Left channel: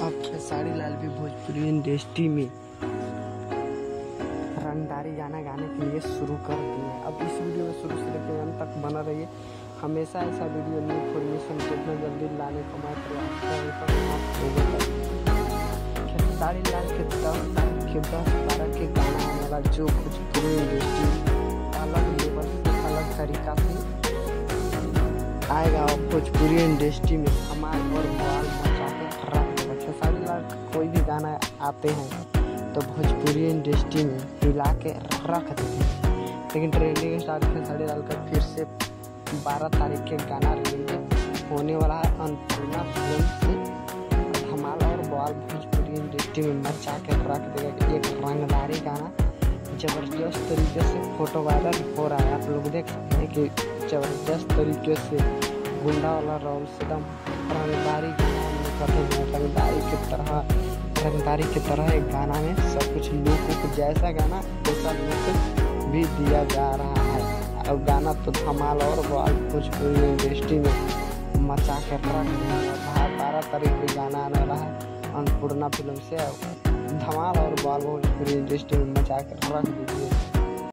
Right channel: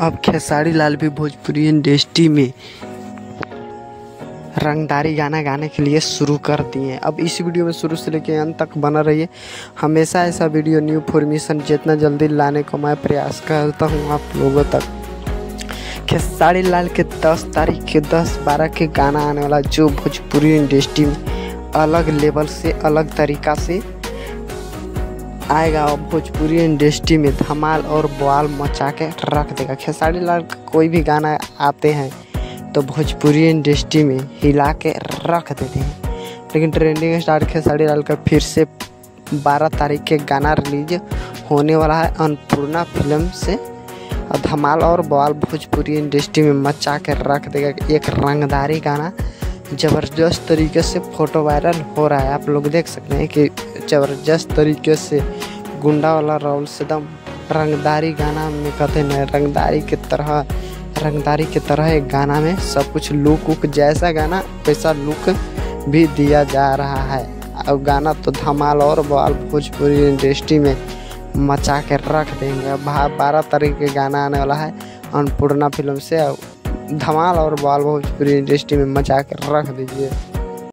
अब खेसारी लाल भी भोजपुरी इंडस्ट्री में रंगदारी गाना गाने के लिए शुरू कर दिए। अब इस वीडियो में शुरू से लेकर अंत तक बना रहिए। हमेशा ऐसा वीडियो न्यू फॉर्मेशन जितना जल्दी लाने का मैं प्रयास करता हूँ आप लोगों तक। खेसारी लाल के 10 तारीख के 10-12 के गाना आने वाला, जो भोजपुरी इंडस्ट्री में अलग लेवल से अलग तरीका से आएगा और भोजपुरी इंडस्ट्री में धमाल और बवाल मचा के रख देगा। खेसारी लाल का कोई भी गाना आते हैं तो भोजपुरी इंडस्ट्री में हिला के रख देते हैं। लेकिन ट्रेंडिंग स्टार खेसारी लाल का फिर से 12 तारीख के गाना रिलीज होने वाला है अन्नपूर्णा फिल्म से। और धमाल और बवाल भोजपुरी इंडस्ट्री में मचा के रख देगा। एक रंगदारी गाना ज़बरदस्त तरीके से फोटो वायरल हो रहा है, आप लोग देख सकते हैं कि ज़बरदस्त तरीके से गुंडा वाला रोल से एकदम रंगदारी गाना में कहते हैं रंगदारी की तरह एक गाना में सब कुछ लुक जैसा गाना वैसा लुक भी दिया जा रहा है। अब गाना तो धमाल और बवाल भोजपुरी इंडस्ट्री में मचा के रख देंगे। 12 तारीख के गाना आने वाला है अन्नपूर्णा फिल्म से। धमाल और बवाल भोजपुरी इंडस्ट्री में मचा के रख दीजिए।